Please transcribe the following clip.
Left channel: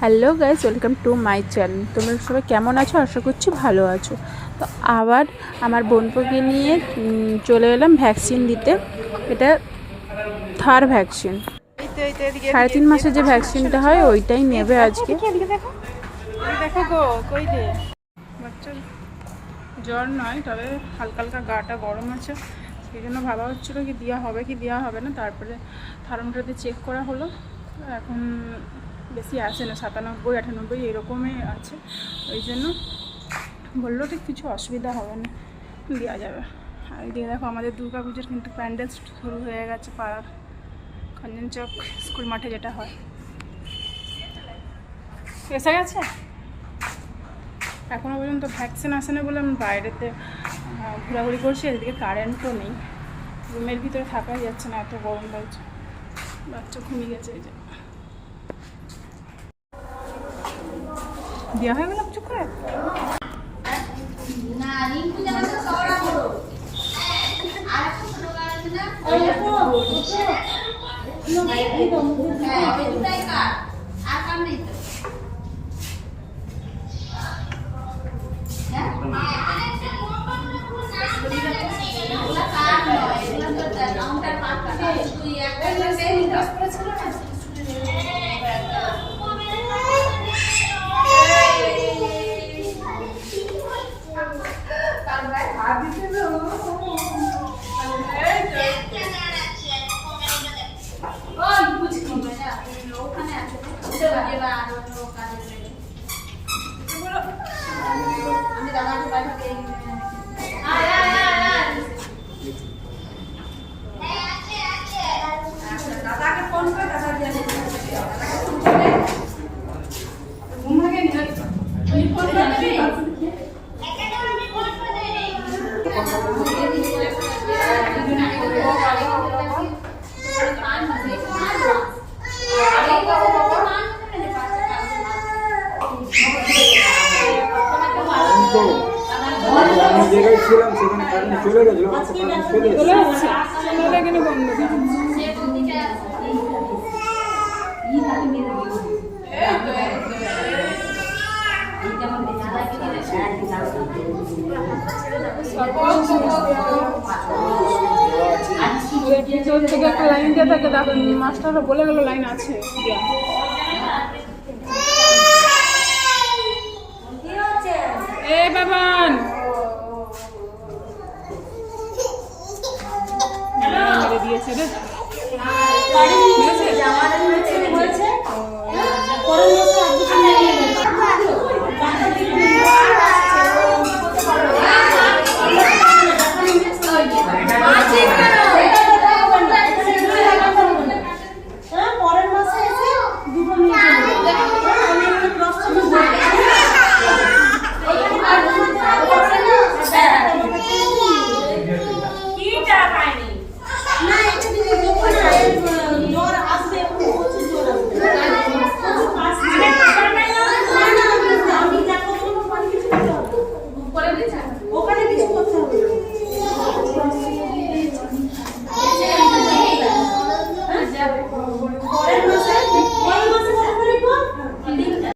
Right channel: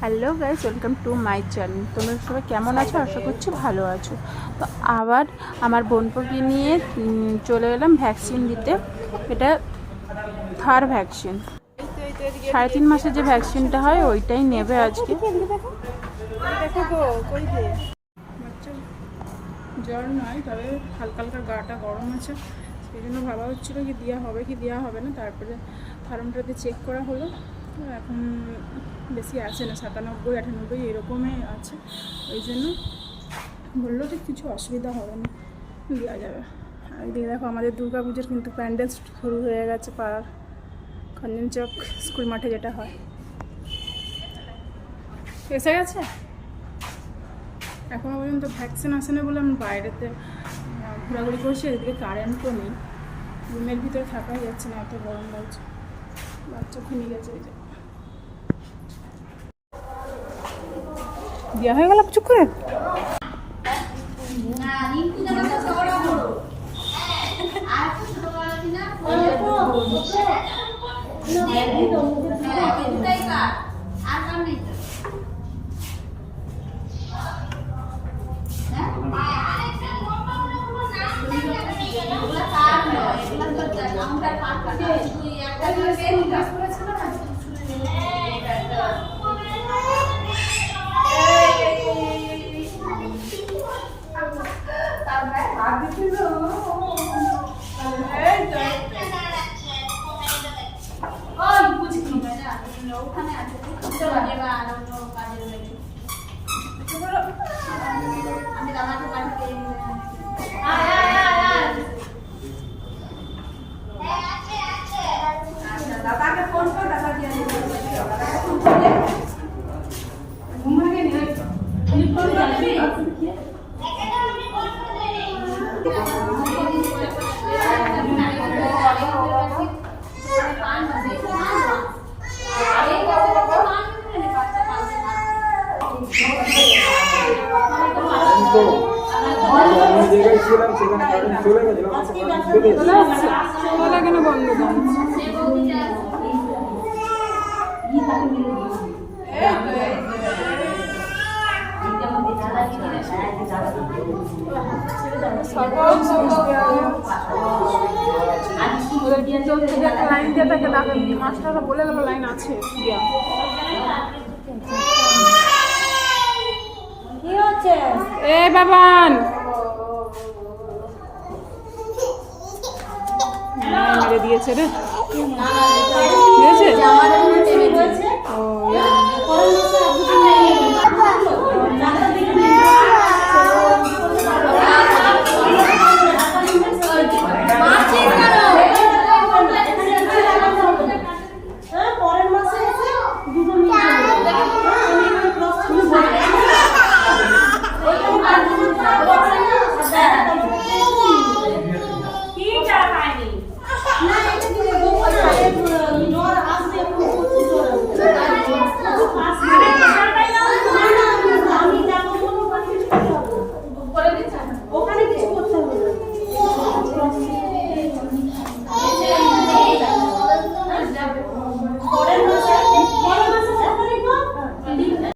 Hello guys welcome to my channel তোমরা সবাই কেমন আছো? আশা করছি ভালো আছো। তো আবার আমার বোনপোকে নিয়ে চলে এলাম ভ্যাকসিন দিতে। এটা থার ভ্যাকসিন সাড়ে তিন মাসে যে ভ্যাকসিনটা হয়, ওইটাই নেবে আজকে। জ্বর নয়, তবে হালকা হালকা গাটা গরম আছে। সেই জন্য ভাবা হচ্ছিল কি দেওয়া হবে কি দেওয়া হবে না। তারপরে থার্মোমিটারতে চেক করা হলো। এখন বেশি আসে না, সাতানব্বই, আটানব্বই এরকমই আছে। ওই জন্য বলল, ঠিক কিছু অসুবিধা হবে না দেওয়া যাবে। আর এদিকে দেখো, আমাদের দুর্গা পুজোর কিন্তু প্যান্ডেল শুরু হয়ে গেছে পাড়ার। চক স্কুল মাঠে যেটা হয়। এসে গেছে? এখনও পর্যন্ত ভ্যাকসিন আসে না বলে আমি বাইরেতে ঘোরাঘুরি করছি, এদিকে কারেন্টও নেই। রুমের ভিতরে থাকাই যাচ্ছে না, এত গরম লাগছে। বাচ্চা ঘুমিয়ে গেছে এই যে। দেওয়া হয়ে গেল চুপ করে? আমি জায়গায় ছিলাম সেখানে কারেন্ট চলে গেছিল চলে বন্ধ থেকে একটা লাইন দিয়ে থাকে দেখো মাস্টাররা বলে গেল লাইন আছে। এ বাবান! দিয়েছে রে।